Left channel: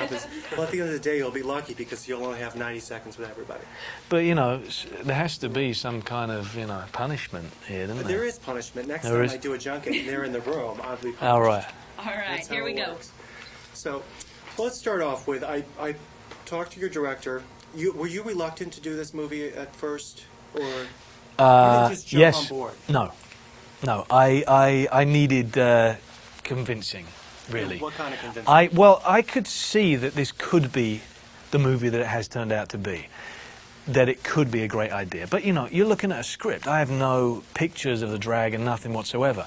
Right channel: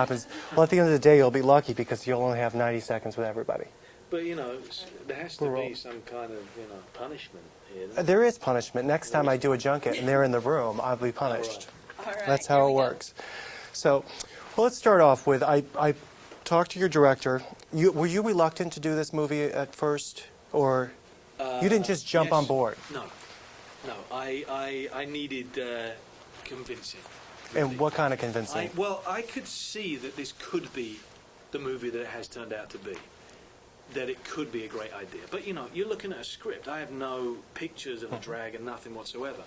happens. Well, at the end of the day, you'll be lucky because you'll only have 90 seconds with everybody. But, you know, there has to be some kind of, you know, punishment here, doesn't there? There is punishment. Next time I do a junket and they're in the room, I'll be punished. All right. All right, That's how here it we go. works. So, well, let's start off with, I talked to your director. Were you reluctant to do this movie at first? Or you didn't just jump on board? No. No, I needed convincing, really. And what kind of convincing? Well, I could see that this could be the movie that it has turned out to be. That it could be a great idea. But, you know, you're looking at a script. I have no pictures of the dragon, nothing whatsoever.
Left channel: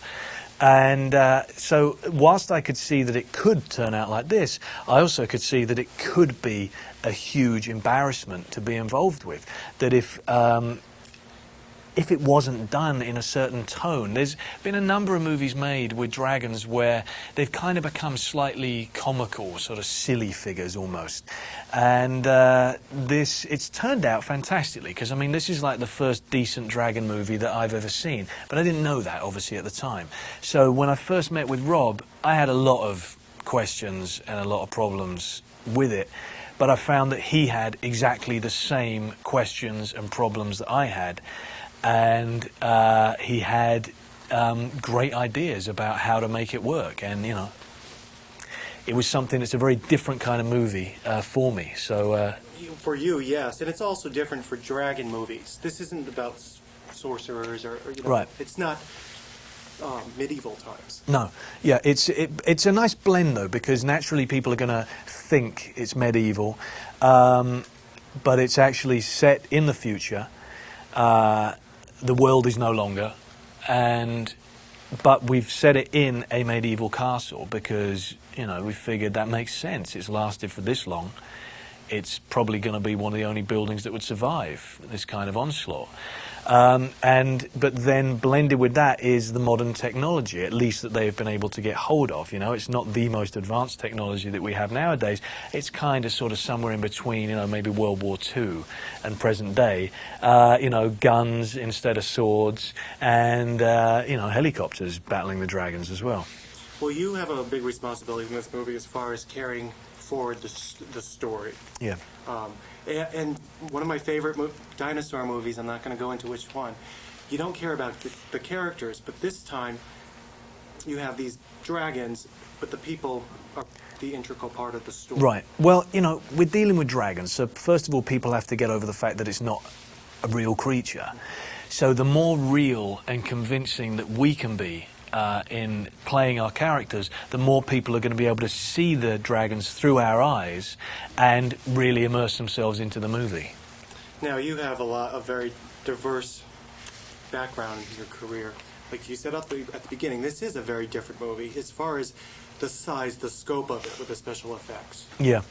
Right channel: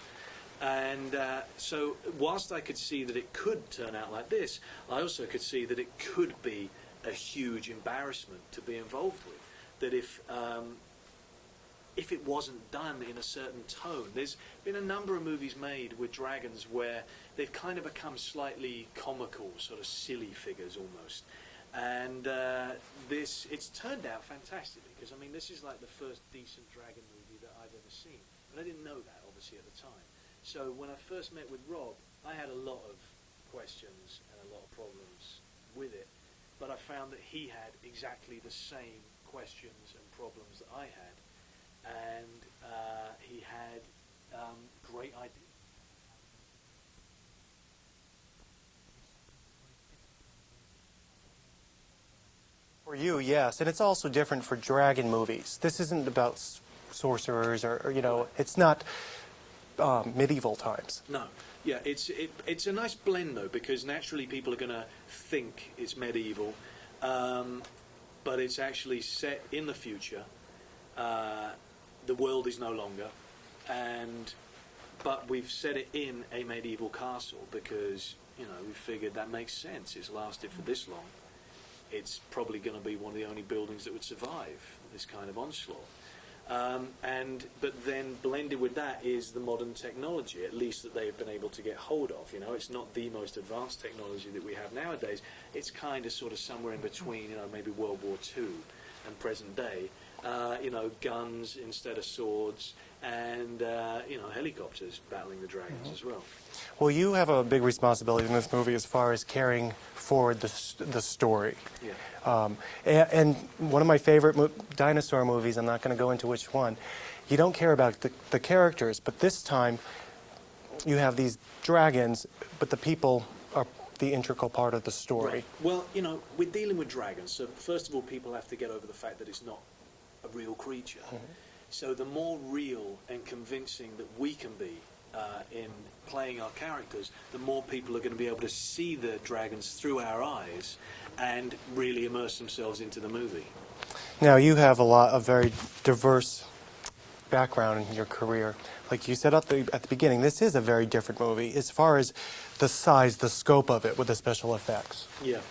And so whilst I could see that it could turn out like this, I also could see that it could be a huge embarrassment to be involved with. That if it wasn't done in a certain tone. There's been a number of movies made with dragons where they've kind of become slightly comical, sort of silly figures almost. And it's turned out fantastically, because, I mean, this is like the first decent dragon movie that I've ever seen. But I didn't know that, obviously, at the time. So when I first met with Rob, I had a lot of questions and a lot of problems with it. But I found that he had exactly the same questions and problems that I had. And he had great ideas about how to make it work. And, you know, it was something that's a very different kind of movie for me. So for you, yes. And it's also different for dragon movies. This isn't about sorcerers or you know, right. It's not medieval times. No. Yeah, it's a nice blend, though, because naturally people are going to think it's medieval. But it's actually set in the future. The world is no longer, but we've set it in a medieval castle because, you know, we figured that makes sense. It's lasted for this long. It's probably going to be one of the only buildings that would survive this kind of onslaught. But then blended with that is the modern technology, at least that they've been able to get hold of. You know, it's not the most advanced technology that we have nowadays. It's kind of sort of somewhere in between, you know, maybe World War II and present day. You know, guns instead of swords, and you know, helicopters battling the dragons as well. Well, you have a big responsibility in this movie as far as carrying forward the story. Yeah. And one of my favorite dinosaur movies, I'm not going to go into which one, you don't care about the characters, but this time you have these dragons, but the people are the integral part of the story. Right. Well, you know, we're dealing with dragons, so first of all, people have to get over the fact that it's not a real creature. So the more real and convincing that we can be in playing our characters, the more people are going to be able to see the dragons through our eyes and really immerse themselves into the movie. Now, you have a very diverse background in your career. Like you said at the beginning, this is a very different movie as far as the size, the scope of it with the special effects. Yeah.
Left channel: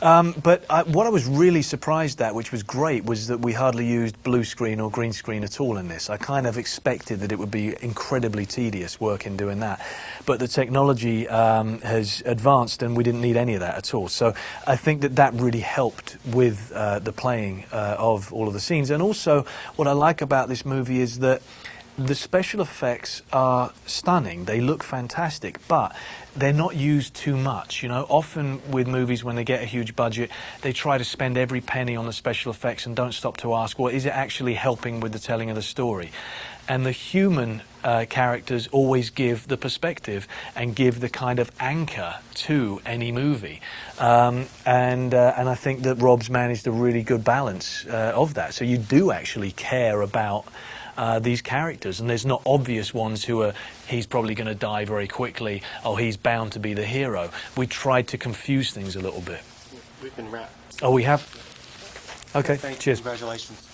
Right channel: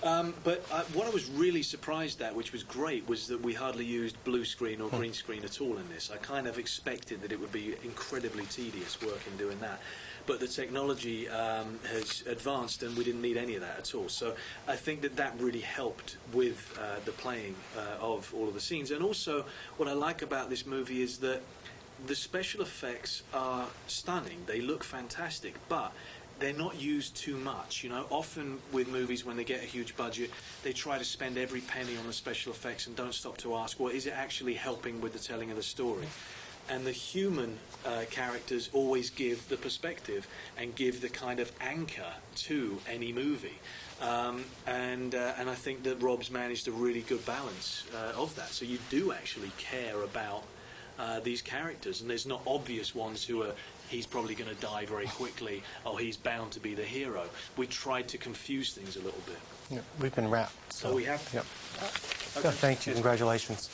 But what I was really surprised at, which was great, was that we hardly used blue screen or green screen at all in this. I kind of expected that it would be incredibly tedious work in doing that. But the technology has advanced and we didn't need any of that at all. So I think that that really helped with the playing of all of the scenes. And also, what I like about this movie is that the special effects are stunning. They look fantastic, but they're not used too much. You know, often with movies, when they get a huge budget, they try to spend every penny on the special effects and don't stop to ask, well, is it actually helping with the telling of the story? And the human characters always give the perspective and give the kind of anchor to any movie. And I think that Rob's managed a really good balance of that. So you do actually care about these characters, and there's not obvious ones who are, he's probably going to die very quickly, or he's bound to be the hero. We tried to confuse things a little bit. Yeah, we've been wrapped. Oh, we have? Yep. Okay, Thank you. cheers. Congratulations.